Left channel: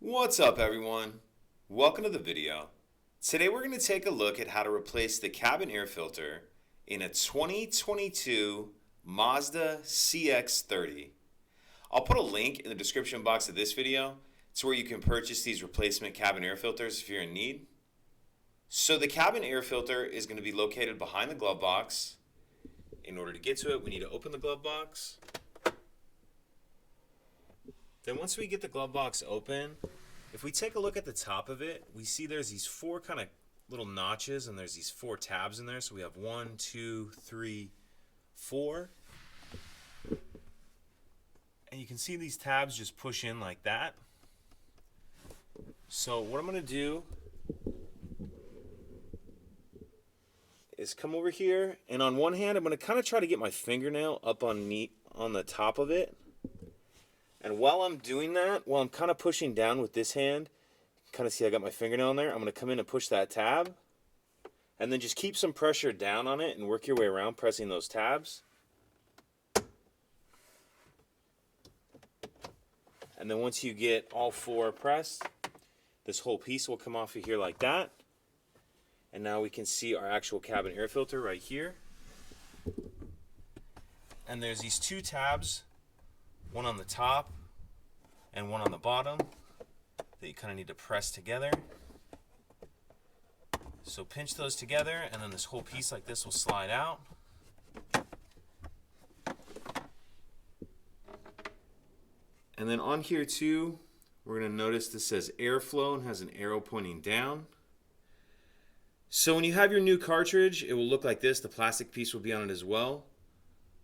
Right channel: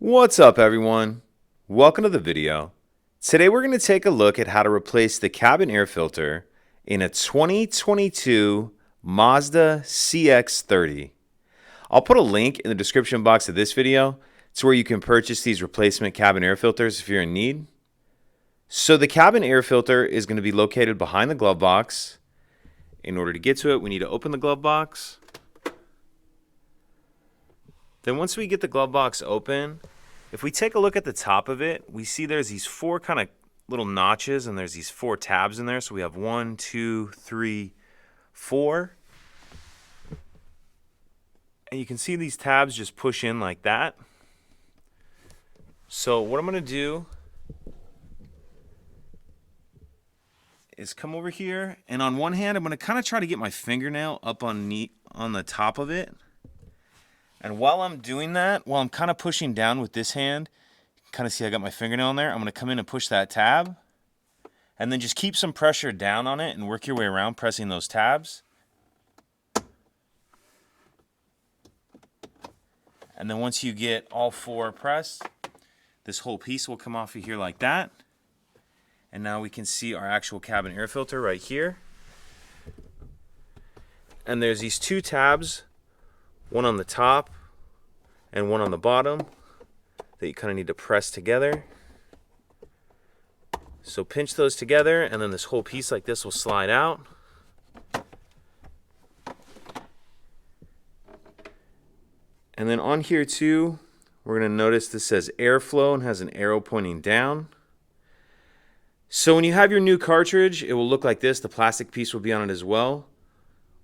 What's up, everyone? Welcome to the video. Today we're going to take a look at how to replace the cabin air filter in a 2022 Mazda CX-30. I'll put a link in the description box of this video to where you can purchase these replacement cabin air filters if you're in need. So the cabin air filter is going to be located behind the glove box. In order to get to it, we need to open the glove box. Then once we get the glove box open, if we take a look at the top of it, we see there's these four kind of little notches and there's these four tabs in there. So we have 1, 2, 3, 4. And you can see these tabs just push in like that. So what I'm going to do is come over here, and on one hand I'm going to kind of try to get my fingernail up on the top of it. And while I'm doing that, while I'm kind of pushing down with this hand, kind of see I got my fingernail in there, I'm going to come in and push that tab. And then just keep some pressure down on it and work your way around pressing those tabs. And then once you get all four pressed, this whole piece will come off of here like that. And now we can see our actual cabin air filter right here. And there's these two tabs, one on the top and one on the bottom, that you kind of need to press together. So pinch those together, and then this whole piece like this will slide out. And then on here too, we're going to notice this says airflow and has an arrow pointing down. So when you have your new cartridge, it will look like this. The plastic piece will be on it as well.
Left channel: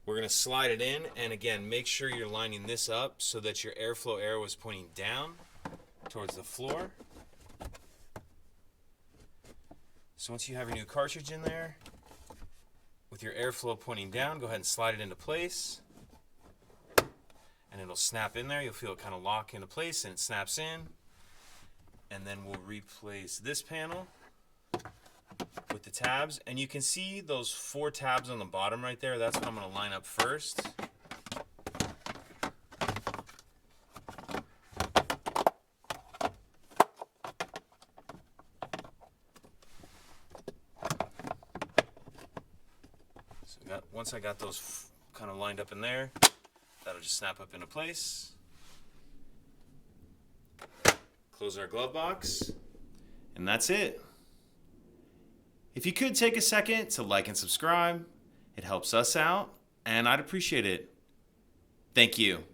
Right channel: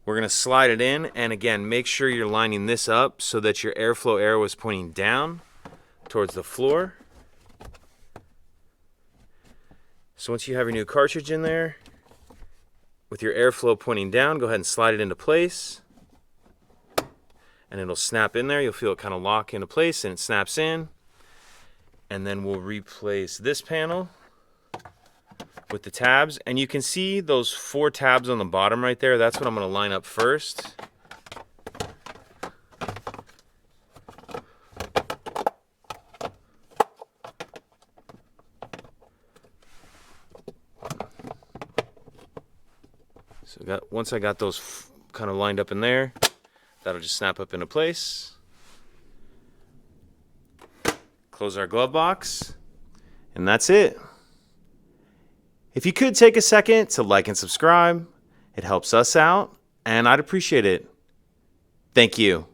We're going to slide it in, and again, make sure you're lining this up so that your airflow arrow is pointing down towards the floor. So once you have your new cartridge in there, with your airflow pointing down, go ahead and slide it into place. And it'll snap in there. You'll feel it kind of lock into place, and it snaps in. And then we'll replace this panel with the tabs, and you can see those four tabs on the bottom right there. That's what I'm going to line up first. So once I got those kind of lined up in there, that'll just snap up into place. Close our glove box, and that's it. If you could take a second to like and subscribe, it helps us out, and I'd appreciate it. Thank you.